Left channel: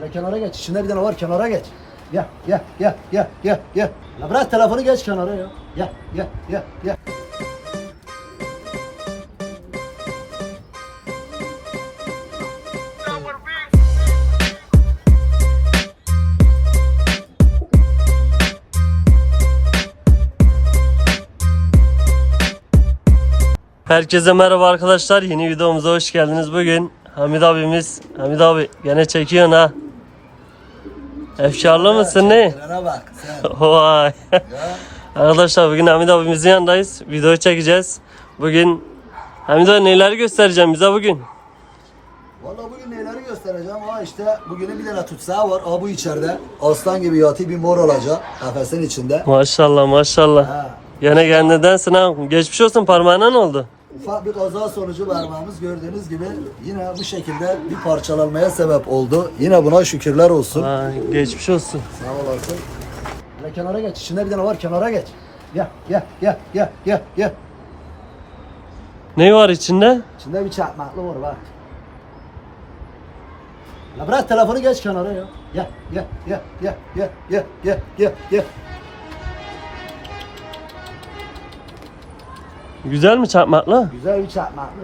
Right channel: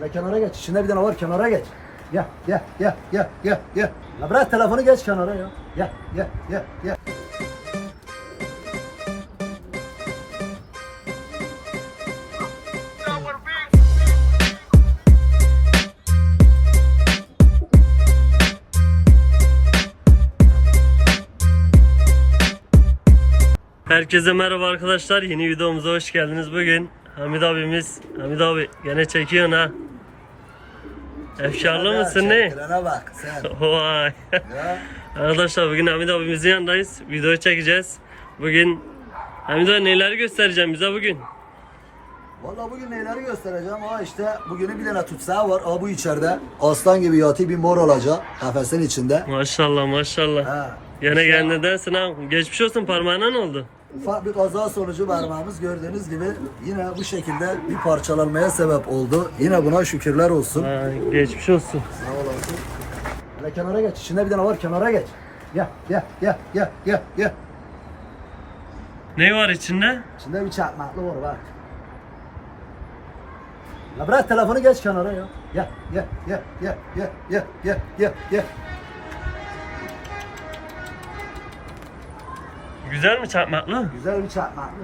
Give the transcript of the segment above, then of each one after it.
Hele kenara geç. İçinde bir tane var kenara geç. Gel gel gel gel gel gel. La bırak telefonu geç kenara ya. Gel gel gel gel. Herkese merhaba arkadaşlar. Yeni videomuza hoş geldiniz. Bugün Hamid abimiz, Hamid abi gene çekiyorsun ha. Efkarlı mısın ne? Çekilene bak sen. Vay. Ya. Arkadaşlar bugün Hamid abimizin yanındayız. Video çekeceğiz. Bugün Hamid abi neler göstereceğim bize bugün? Valla bugün neleri göstereceğim. Aa işte bugünün bir tane tutsağı var. Aa bu içeride. Aslan gibi yatı bir mor olacak. Kafesin içinde. Maşallah maşallah. Ha. Gene kendidensin ha. Geçmiş olsun parmağına ne oldu? Ufak bir kaza sonucu parmağımız gördüğünüz gibi yine bu şekilde bir parçalanmaya sebep oldu. Yine buna şükürler olsun. Ha, geçmiş olsun. Sağ olasın. Hele kenara geç. İçinde bir tane var kenara geç. Gel gel gel gel gel gel. Ne var içinde? İçinde bir çakmaklı var bak. La bırak telefonu geç kenara ya. Gel gel gel gel gel gel gel gel gel. Güzel mi çakmakla? Güzel bir çakmaklı.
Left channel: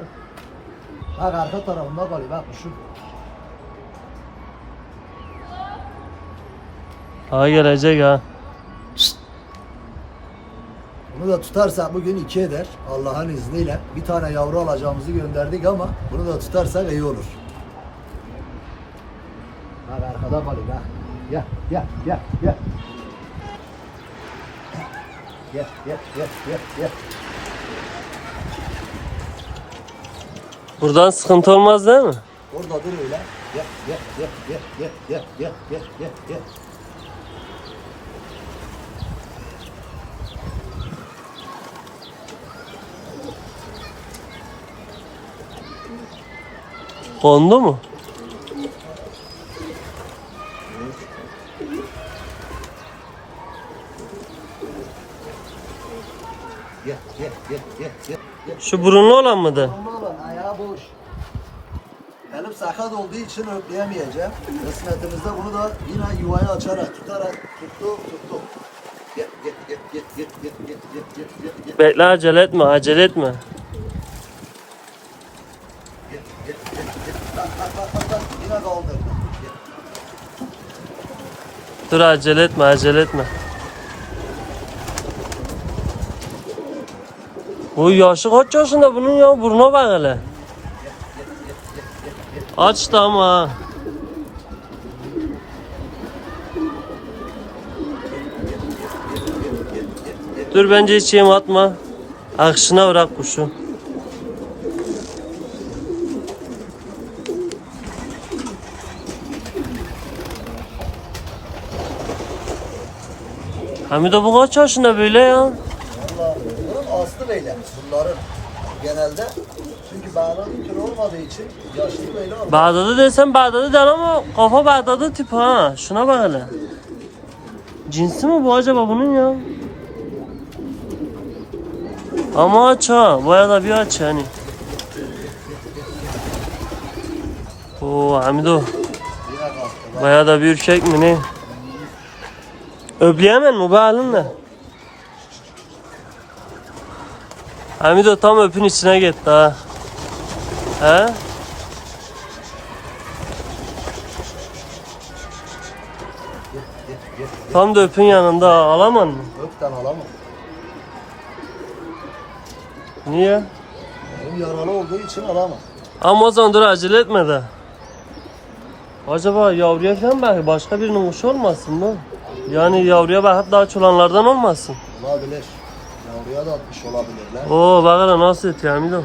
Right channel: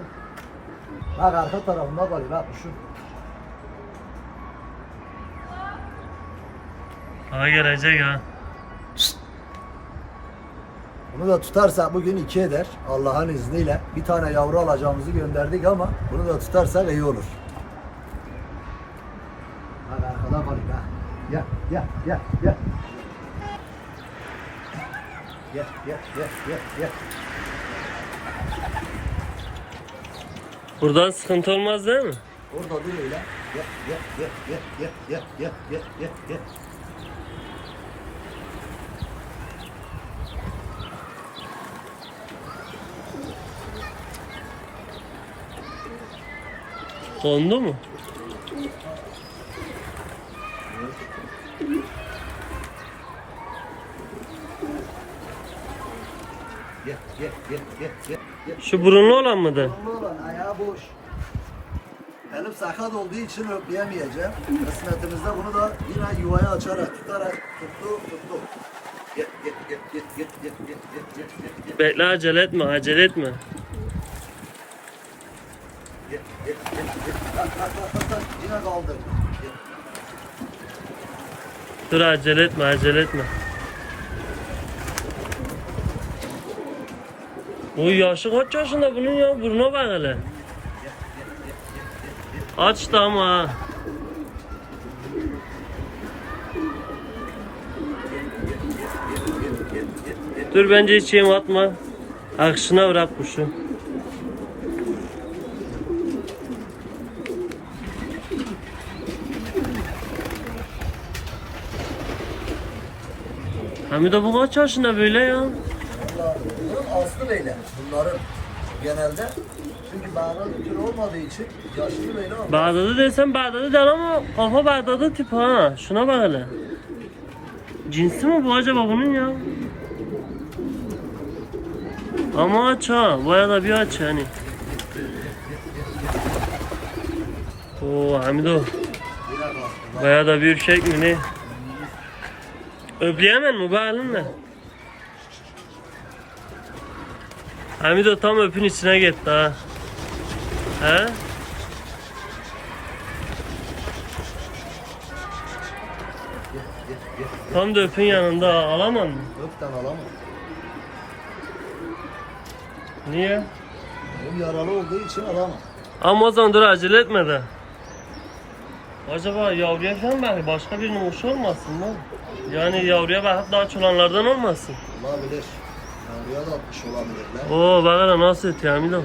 Bak arka tarafında kalıyor bak şu. Ha gelecek ha. Bunu da tutarsak bugün iki eder Allah'ın izniyle. Bir tane yavru alacağımızı gönderdik ama bunu da tutarsak iyi olur. Bak arkada kalıyor gel. Gel gel gel gel. Gel gel gel gel gel. Buradan sıkıntı olmaz değil mi? Orada dur öyle. Gel gel gel gel gel gel gel gel gel gel. Kondu mu? Gel gel gel gel gel. gel. Şu burunlu olan mıydı? Boş. Elim sakat olduğu için öpleyemeyeceğim. Kısmetimizde bunu da yine yuvayı açarak tutarak tuttu tuttu. Gel gel gel gel gel gel gel gel gel gel gel Bekle acele etme acele etme. yine kaldırdı. Dur acele etme acele etme. Bu yaşı kaç yaşında bunun ya? Buruna bak hele. Aç da ama. Dur bence hiç yem atma. Akışına bırak kuşu. Hamide bu kaç yaşında böyle ya? Vallahi bunun aslı böyle bunların genelde. Çünkü bir tür olmadığı için yaşlı böyle olmaz. Bağdadı desem Bağdadı der ama kafa Bağdadı tip ha. Şuna bak hele. Cinsi mi bu acaba bunun ya? Ama aç ha. Baya da bir aç yani. Oo Hamido. Baya da bir ürkek mi ne? Öpleyemen mi bu halinle? Hamido tam öpün içine gitti ha. He? Tam da öpün yanında alaman mı? Öpten alamam. Niye? Bu yaralı olduğu için alamam. Ama o zaman dur acele etme de. Acaba yavruya falan belki başka birinin kuşu olmasın mı? Yani yavruya bakıp daha çolanlardan olmasın. Olabilir. Da atmış olabilirler. Oo bak hele nasıl ötüyor Hamido.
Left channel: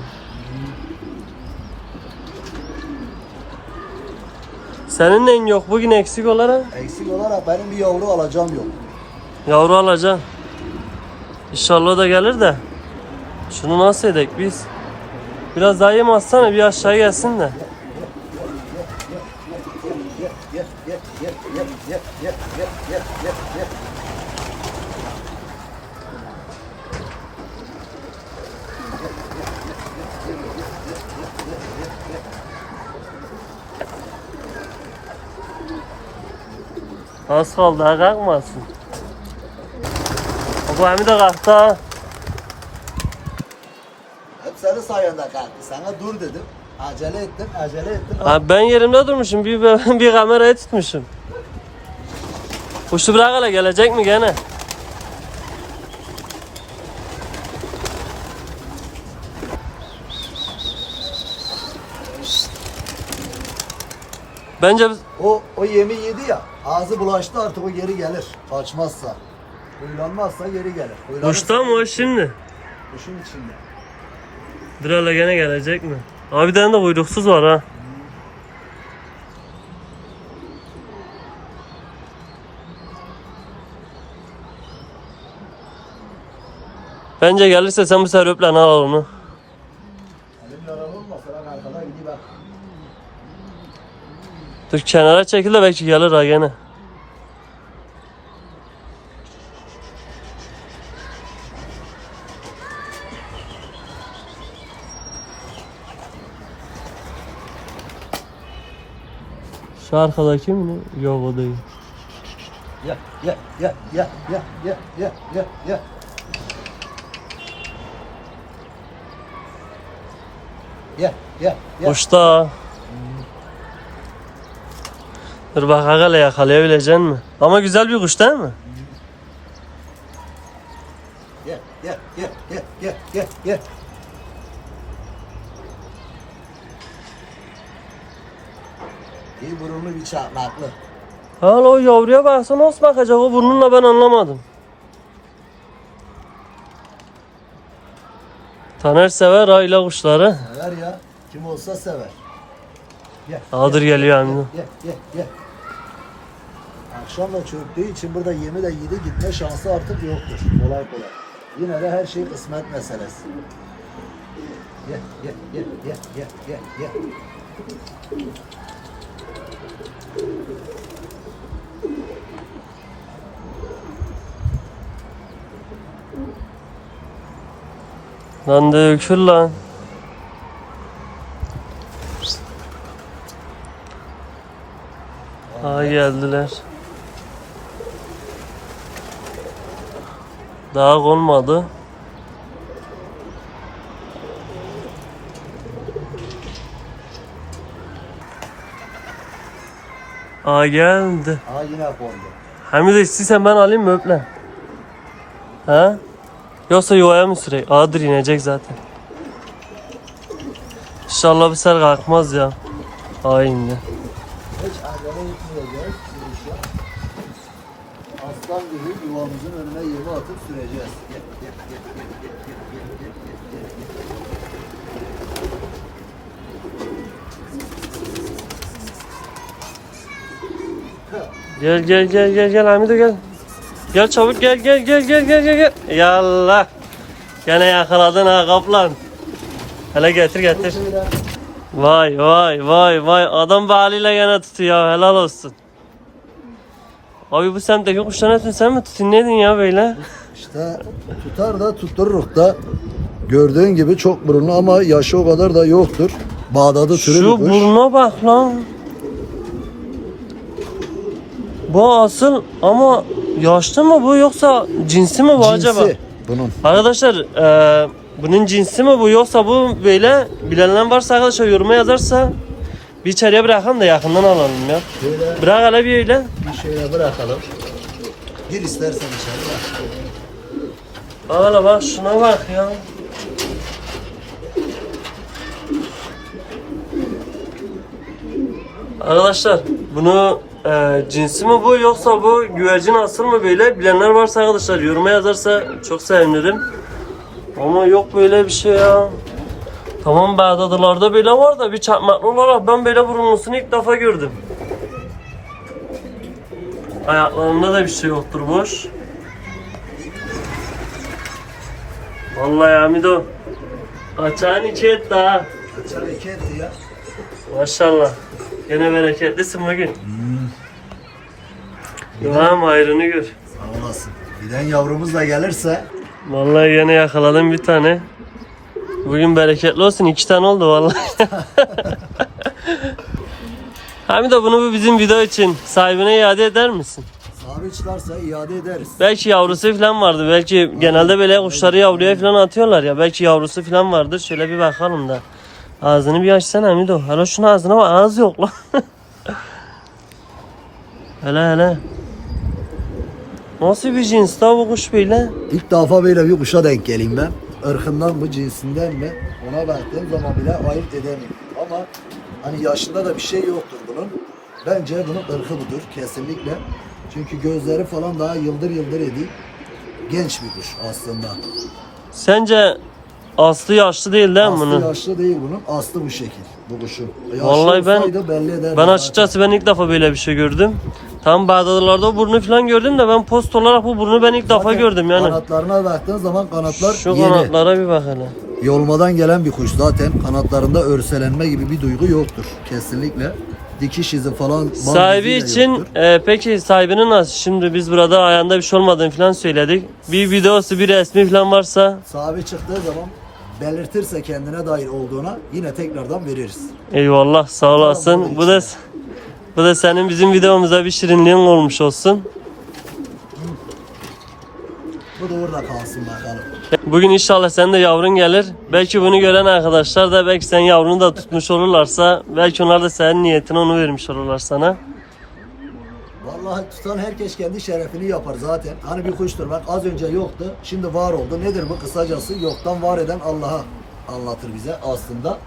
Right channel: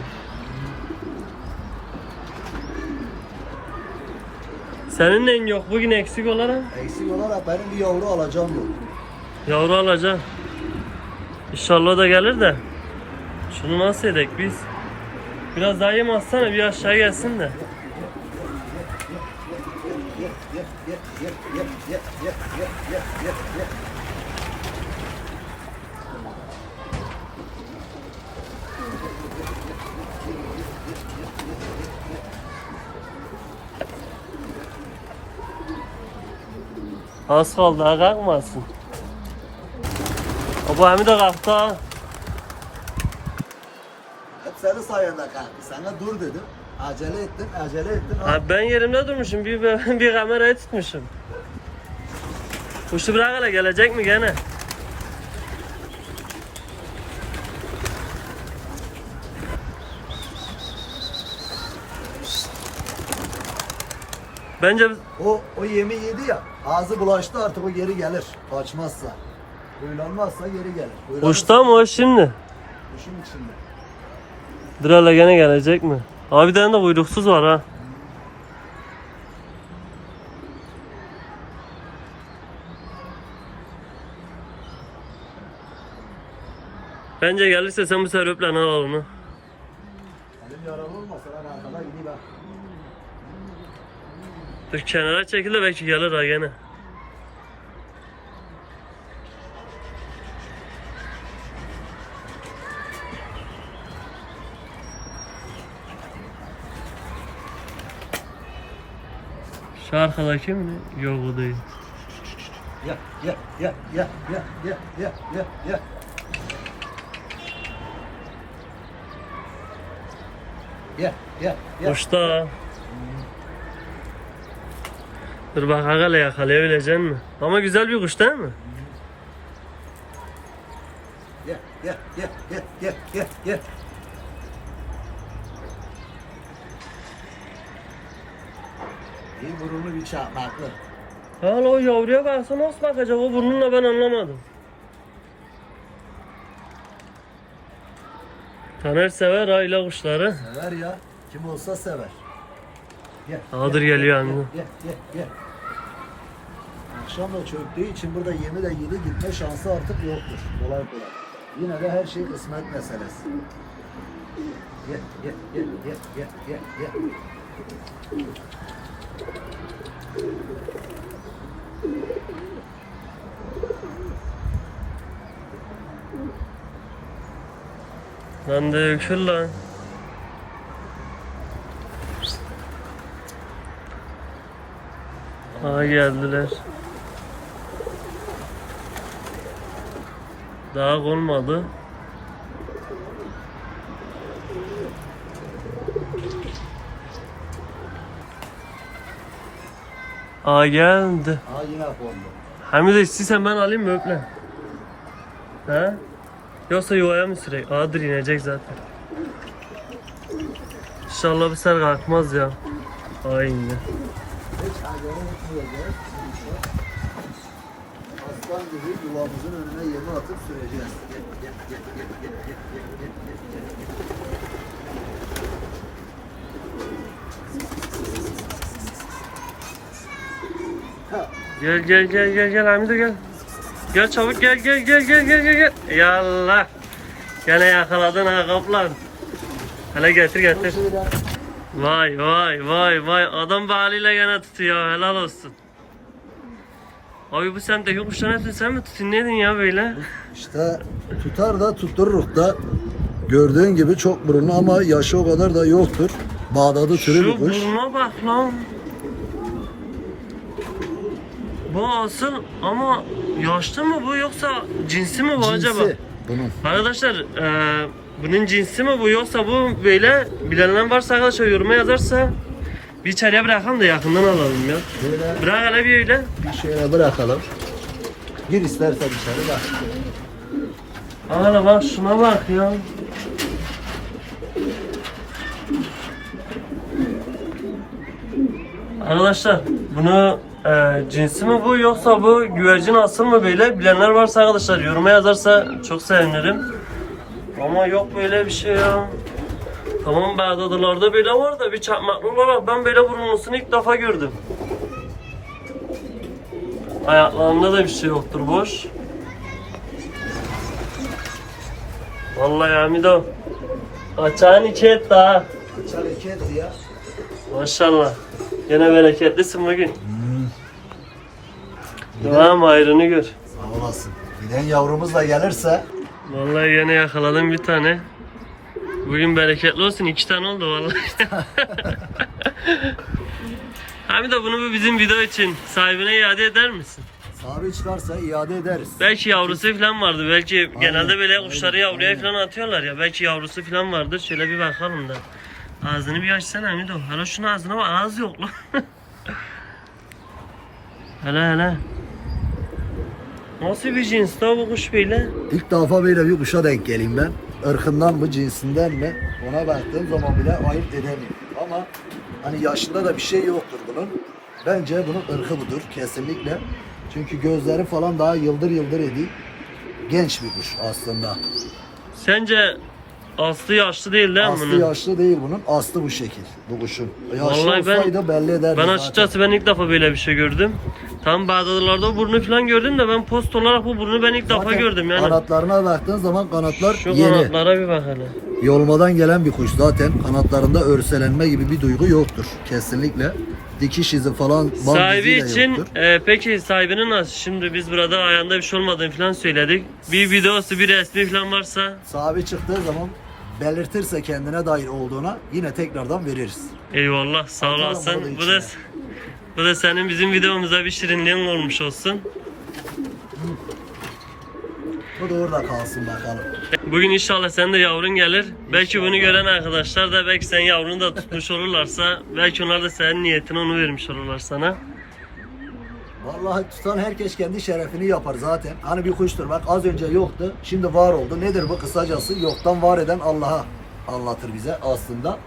Senin neyin yok bugün eksik olarak? Eksik olarak benim bir yavru alacağım yok. Yavru alacaksın. İnşallah da gelir de. Şunu nasıl edek biz? Biraz daha yem atsana bir aşağı gelsin de. Az kaldı ha kalkmasın. O bu hem de kalktı ha. Hep senin sayende kalktı. Sana dur dedim. Acele ettim, acele ettim. Ha, ben yerimde durmuşum bir, bir kamerayı tutmuşum. Kuşu bırak hele gelecek mi gene? Bence biz- O, o yemi yedi ya. Ağzı bulaştı artık o geri gelir. Kaçmazsa. Huylanmazsa geri gelir. Huylanırsa kuşta mı o şimdi? Kuşun içinde. Dur hele gene gelecek mi? Abi bir tane de kuyruksuz var ha. Bence gelirse sen bu sefer öple al onu. Elim yaralı olmasa ben arkada gideyim bak. Dur kenara çekil de belki gelir ha gene. Şu arkadaki mi ne? Yok o değil. Gel, gel, gel, gel, gel, gel, gel, gel, gel. Gel, gel, gel. Kuşta. Dur bak hele yakalayabilecek mi? Ama güzel bir kuş değil mi? Gel, gel, gel, gel, gel, gel, gel. Bir burunlu bir çakmaklı. Hala o yavruya baksana nasıl bakacak o burnunla ben anlamadım. Taner sever aile kuşları. Sever ya. Kim olsa sever. Gel. Aldır geliyor Amino. Gel, gel, gel. Akşam da çöktüğü için burada yemi de yedi gitme şansı artık yoktur. Kolay kolay. Yine de her şey kısmet meselesi. Gel, gel, gel, gel, gel, gel, gel. Lan dökül lan. Ha geldiler. Daha konmadı. Aa geldi. Ha yine. Hamide istiyorsan ben alayım mı öple? Ha? Yoksa yuvaya mı süreyim? Aa dur inecek zaten. İnşallah bu sefer kalkmaz ya. Aa indi. süreceğiz. Gel gel gel gel gel Hamide gel. Gel çabuk gel gel gel gel gel gel gel. Yallah. Gene yakaladın ha kaplan. Hele getir getir. Vay vay vay vay adam baliyle yana tutuyor helal olsun. Abi bu semtteki kuşların hepsini sen mi tutun ya böyle? İşte tutar da tuttururuk da gördüğün gibi çok burunlu ama yaşı o kadar da yoktur. Bağdadı türü Şu buruna bak lan. Bu asıl ama yaşlı mı bu yoksa cinsi mi bu acaba? Cinsi bunun. Arkadaşlar e, bunun cinsi mi bu yoksa bu böyle bilenler varsa arkadaşlar yoruma yazarsa bir içeriye bırakalım da yakından alalım ya. Böyle Bırak hele bir öyle. bir şeye bırakalım. Gir istersen içeri bak. Hele bak şuna bak ya. Arkadaşlar bunu e, cinsi mi bu yoksa bu güvercin asıl mı böyle bilenler varsa arkadaşlar yoruma yazarsa çok sevinirim. Ama yok böyle bir şey ya. Tamam Bağdadılarda böyle var da bir çakmaklı olarak ben böyle burunlusunu ilk defa gördüm. Ayaklarında da bir şey yoktur boş. Vallahi Hamido. Açağın içi et daha. Açar iki etti ya. Maşallah. Gene bereketlisin bugün. Yuvam ayrını gör. Sağ olasın. Bilen yavrumuz da gelirse Vallahi yine yakaladım bir tane. Bugün bereketli olsun. iki tane oldu vallahi. Hamido bunu bu bizim video için sahibine iade eder misin? Sahibi çıkarsa iade ederiz. Belki yavrusu falan vardı. Belki genelde böyle kuşları yavruya falan atıyorlar ya. Belki yavrusu falan vardır. Şöyle bir bakalım da. Ağzını bir açsana Mido. Hele şunun ağzına bak. Ağız yok lan. hele hele. Nasıl bir cins la bu kuş böyle? İlk defa böyle bir kuşa denk geleyim ben. Irkından mı cinsinden mi ona baktığım zaman bile ayırt edemiyorum. Ama hani yaşında da bir şey yoktur bunun. Bence bunun ırkı budur kesinlikle. Çünkü gözleri falan daha yıldır yıldır ediyor. Genç bir kuş aslında. Sence aslı yaşlı değil değil mi Aslı bunun? yaşlı değil bunun. Aslı bu şekil bu kuşun. Yaşlı Vallahi ben- olsaydı belli ederdi. Ben zaten. açıkçası ben ilk defa böyle bir şey gördüm. Tam Bağdatlılarda burnu falan gördüm de ben post olarak bu burnu ben ilk defa Zaten gördüm yani. Kanatlarına baktığın zaman kanatlar Şu yeni. kanatlara bir bak hele. Yolmadan gelen bir kuş zaten. Kanatlarında örselenme gibi bir duygu yoktur. Kesinlikle. Dikiş izi falan Sahibi için yoktur. e, peki sahibinin nasıl? Şimdi biz burada ayağında bir şey olmadığını falan söyledik. Bir videosu bir resmi falan varsa Sahibi çıktığı zaman belirtirse kendine dair olduğuna yine tekrardan veririz. eyvallah sağ olasın. bu da Bu da senin bizim videomuza bir şirinliğin olmuş olsun. Bu da orada kalsın bakalım. Bugün inşallah sen de yavrun gelir. Belki bunu gören arkadaşlar da belki sen yavrunu da tutmuş olurlarsa belki onlar da senin niyetine onu vermiş olurlar sana. Vallahi tutan herkes kendi şerefini yapar zaten. Hani bir kuştur bak az önce yoktu şimdi var oldu. Nedir bu kısacası yoktan var eden Allah'a anlatır bize aslında.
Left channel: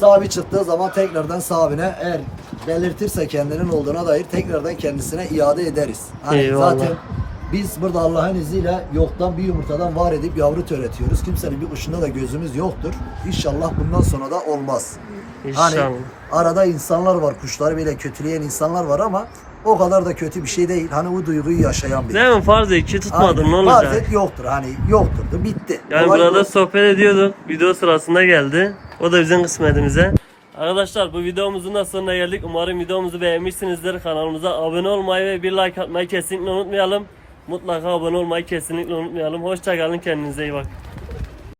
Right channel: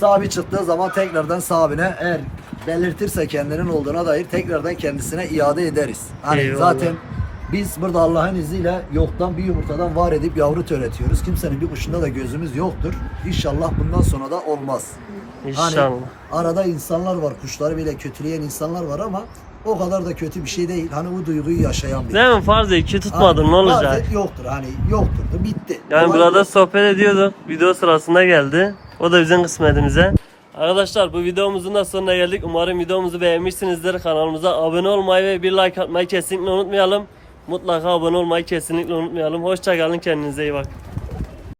Sahibi çıktığı zaman tekrardan sahibine eğer belirtirse kendinin olduğuna dair tekrardan kendisine iade ederiz. Hani Eyvallah. zaten biz burada Allah'ın izniyle yoktan bir yumurtadan var edip yavru türetiyoruz. Kimsenin bir kuşunda da gözümüz yoktur. İnşallah bundan sonra da olmaz. İnşallah. Hani arada insanlar var, kuşları bile kötüleyen insanlar var ama o kadar da kötü bir şey değil. Hani bu duyguyu yaşayan biri. Değil mi? Farz et ki tutmadın Hani ne olacak? bazen yoktur. Hani yoktur da bitti. Yani Olay burada bu. sohbet ediyorduk. Video sırasında geldi. O da bizim kısmetimize. Arkadaşlar bu videomuzun da sonuna geldik. Umarım videomuzu beğenmişsinizdir. Kanalımıza abone olmayı ve bir like atmayı kesinlikle unutmayalım. Mutlaka abone olmayı kesinlikle unutmayalım. Hoşçakalın kendinize iyi bakın.